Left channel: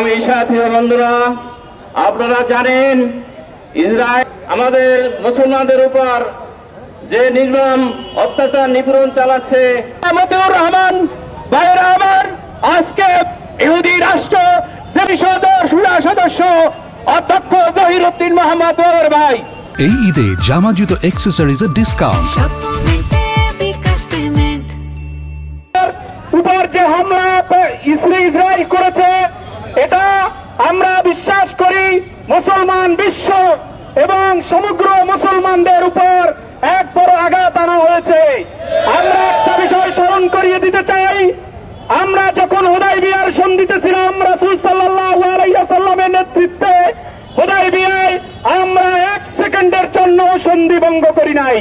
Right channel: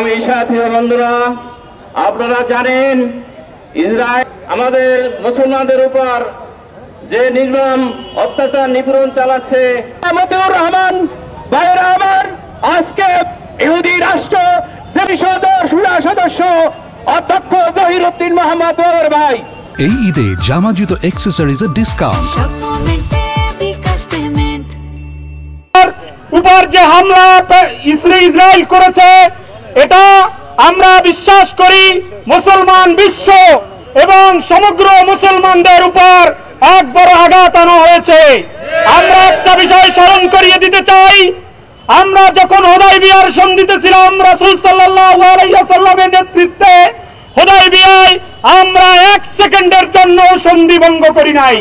সংগ্রামী সাথী ও বন্ধুরা, আপনারা জানেন ইসরায়েল আমাদের মুসলমানদের উপর যে নির্মম অত্যাচার নিপীড়ন চালাচ্ছে। মতিউর রহমান ভাইয়েরা আমার, আজকে ইহুদি রাষ্ট্র যে সুরা সদস্য অধ্যক্ষ জহিরুদ্দিন মোহাম্মদ বাবর ভাই, এই ঈদে জামা জুতো অ্যাক্সেসরিজের ডিসকাউন্ট। উপর যে হামলা ইসরায়েল করেছে, এটা আমরা বিশ্বাস করি মুসলমান বিশ্ব এবং সমগ্র মুসলমানদের উপর এক বড় আঘাত আনা হয়েছে। আমরা একটা বিষয় স্মরণ করিয়ে দিতে চাই, আমরা যখন হুদায়বিয়ার সন্ধিতে ছিলাম রাসূল সাল্লাল্লাহু আলাইহি ওয়াসাল্লামের নেতৃত্বে, হুদায়বিয়ায় আমরা এক সেকেন্ডের জন্য সন্ধি ভঙ্গ করি নাই।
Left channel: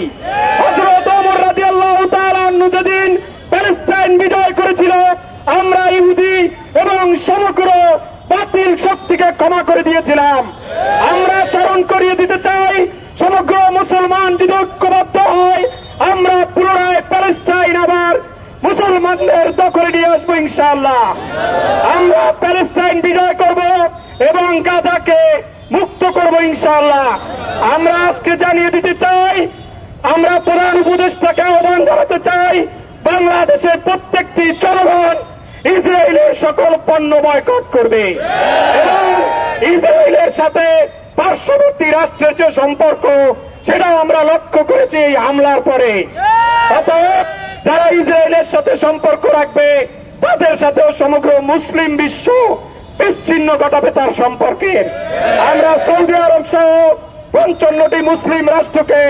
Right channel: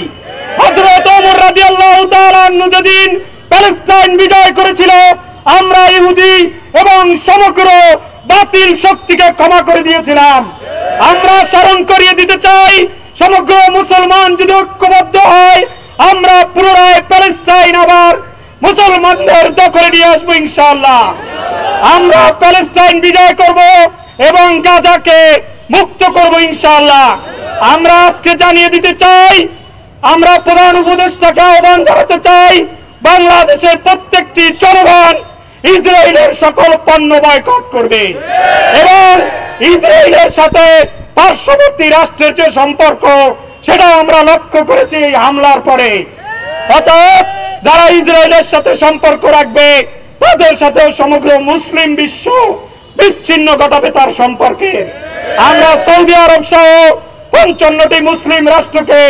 হযরত ওমর রাদিয়াল্লাহু তাআলা যেদিন প্যালেস্টাইন বিজয় করেছিল, আমরা ইহুদি এবং সমগ্র বাতিল শক্তিকে ক্ষমা করে দিয়েছিলাম। আমরা স্মরণ করিয়ে দিতে চাই, সমগ্র মুসলমান যদি ঐক্যবদ্ধ হয়, আমরা পুনরায় প্যালেস্টাইন আবার মুসলমানদের দখলে নিয়ে আসবো ইনশাআল্লাহ। আমরা প্যালেস্টাইন বিজয় করব এবং গাজাকে মুক্ত করব ইনশাআল্লাহ। আমরা আজকে জানিয়ে দিতে চাই, আমরা প্রধান উপদেষ্টাকে আহ্বান জানাতে চাই, বাংলাদেশের প্রত্যেকটি জনগণ ইসরায়েলের সকল পণ্য বয়কট করবে এবং ইসরায়েলের সাথে পার্শ্ববর্তী রাষ্ট্রের যে সম্পর্ক, সেটা আমরা লক্ষ্য করেছি এই হামলার পরে। অতএব যারা ইসরায়েলের সাথে সম্পর্ক রাখবে, তাদের সাথে সমগ্র মুসলিম বিশ্ব বিচ্ছিন্ন ঘটাবে তার সম্পর্কের। আমরা সৌদি আরব সহ ৫৫টি মুসলিম রাষ্ট্রকে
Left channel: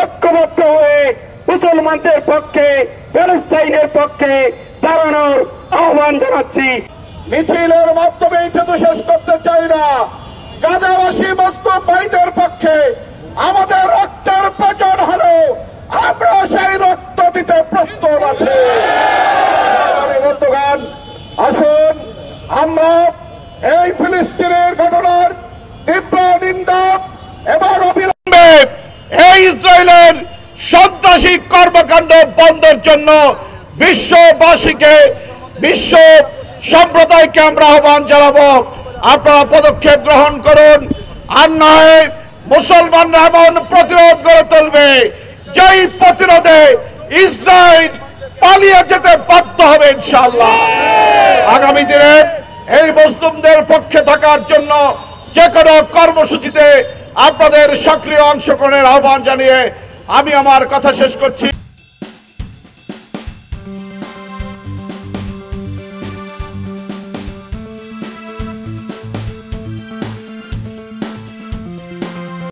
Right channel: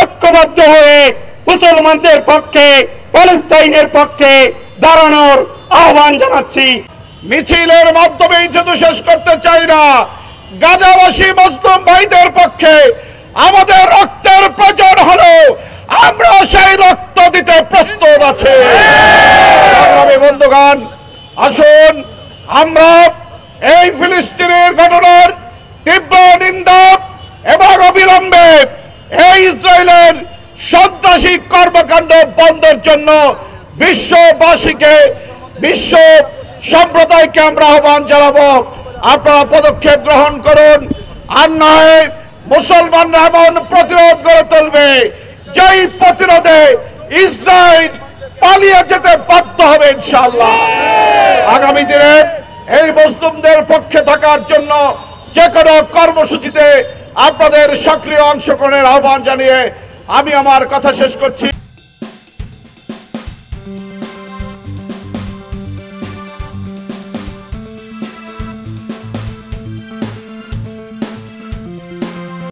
ঐক্যবদ্ধ হয়ে মুসলমানদের পক্ষে, প্যালেস্টাইনের পক্ষে দাঁড়ানোর আহ্বান জানাচ্ছি। মিছিলের মাধ্যমে যেহেতু শেষ করতে চাই না, গাজাবাসী মুসলিম ভাইদের পক্ষে আমাদের রক্তের প্রয়োজন হলো, আমরা সেই রক্ত দিতে প্রস্তুত আছি। সংগ্রামী বন্ধুগণ, আসুন আমরা এই ফিলিস্তিনের ঘটনার তীব্র নিন্দা এবং অবিলম্বে এই ইসরায়েলের সন্ত্রাসী কর্মকাণ্ড বন্ধের জন্য বিশ্ববাসীকে, বিশ্ব সম্প্রদায়কে আমরা আহ্বান জানাবো, আপনারা পদক্ষেপ গ্রহণ করুন। আর নয় মুসলমানরা এমন প্রতিরোধ গড়ে তুলবে, যেই প্রতিরোধে ইসরায়েল পালিয়ে যেতে বাধ্য হবে ইনশাআল্লাহ। আগামী দিনে এই মুসলিমদের পক্ষে থাকার জন্য যে কোনো কর্মসূচিতে আপনাদের সক্রিয় অংশগ্রহণের আহ্বান জানিয়ে আমি আমার কথা শেষ করছি।